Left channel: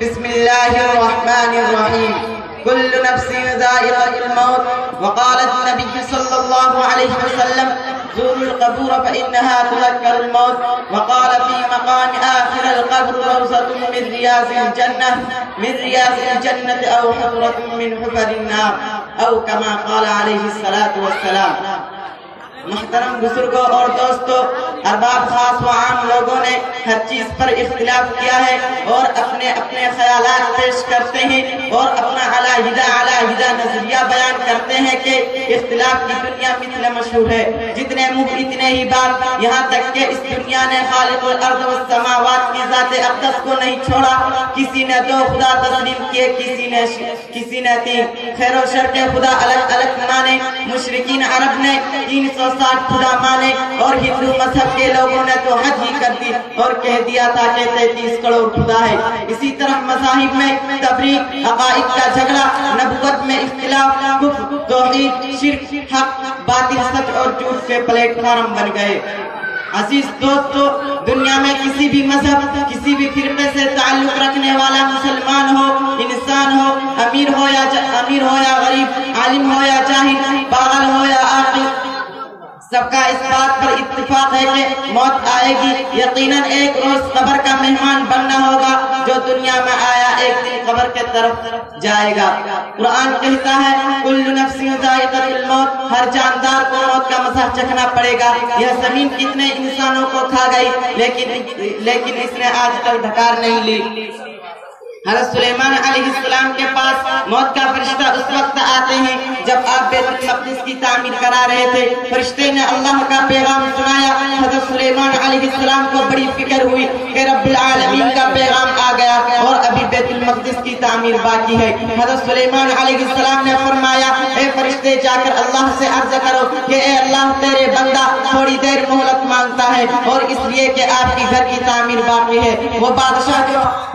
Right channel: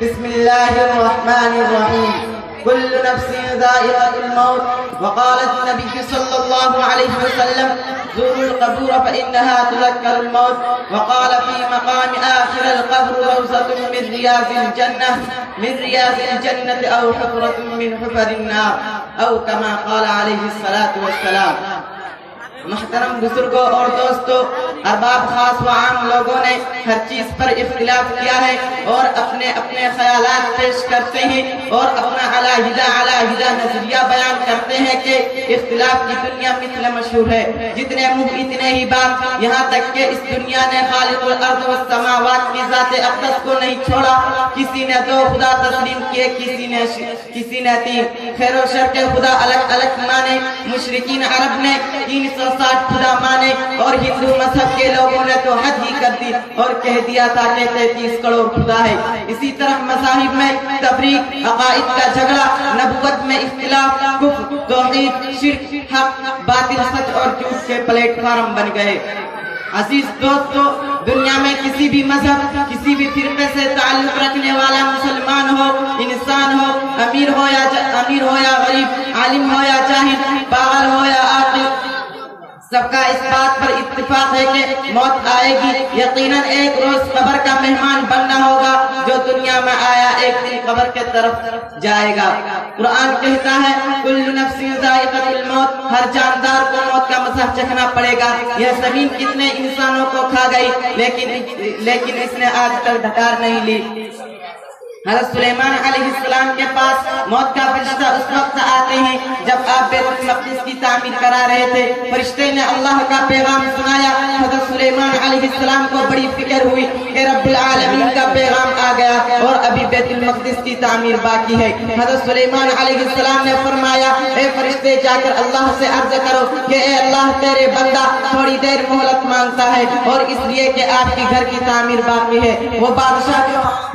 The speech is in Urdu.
بسم الله الرحمن الرحيم. كل نفس ذائقة الموت. وقال النبي صلى الله عليه وسلم زوروا القبور فإنها تذكر الموت. وقال في مقام آخر القبر روضة من رياض الجنة أو حفرة من حفر النار أو كما قال عليه الصلاة والسلام. محترم بزرگوں اور دوستوں، ارباب خاص و عام لوگوں نے ہر چیز پر اختلاف کیا ہے اور اپنے اپنے خیالات پیش کرتے ہیں اور اپنا علیحدہ نظریہ بیان کرتے ہیں کہ اختلاف کی دنیا مثل مشہور ہے. جتنے منہ اتنے ہی بات، یہاں تک کہ اس دنیا نے خالق الارض والسماوات کی ذات اقدس کو نہیں چھوڑا. کسی نے 2 خدا تسلیم کیے، کسی نے 3. خیر و شر کے خدا الگ الگ مانے. مشرکین عرب نے 360 خدا مانے اور ہندو مذہب کے لوگوں نے تو حد ہی کر دی اور کہہ دیا تھا کہ 33 کروڑ خدا ہے. اسی طرح مذاہب میں تفریق، عقائد کا جھگڑا، نبوت میں اختلاف، کفر، توحید، شرک، حق، باطل، سچ اور جھوٹ کے پلیٹ فارم بن گئے. عزیز دوستو، دنیا میں کسی بھی مذہب، کسی بھی فرقے سے تعلق رکھنے والا مسلمان ہو، انسان ہو، امیر ہو یا غریب، عالم ہو یا جاہل، پاگل ہو یا عاقل، سب کا اس بات پر اتفاق ہے کہ موت آئے گی. یقیناً ایک روز قبر کا مہمان بننا ہوگا. جو دنیا میں آیا ایک دن قبر کے طرف جائے گا. قرآن کہتا ہے کل نفس ذائقۃ الموت، ہر جاندار کو موت کا مزہ چکھنا پڑے گا. یہ زمین کتنے انسانوں کو کھا گئی لیکن اس نے آج تک ڈھکار نہیں لی. حضرت سلیمان علیہ السلام کے پاس موت کا فرشتہ اس وقت آتے ہیں جب آپ بیت المقدس کی تعمیر کرا رہے تھے. فرشتے نے اللہ کا پیغام سنایا. حضرت سلیمان علیہ السلام کو بڑی فکر ہوئی کہ رب العالمین کا پیغام آ گیا اور ابھی بیت المقدس کی تعمیر باقی ہے. حضرت سلیمان علیہ السلام نے فرمایا اے فرشتے جا کر اللہ سے عرض کرو کہ اے اللہ تیرے بندہ تھوڑی دیر مہلت مانگتا ہے اور اس لیے کہ آپ کی گھر کی تعمیر باقی ہے. وہ بادشاہ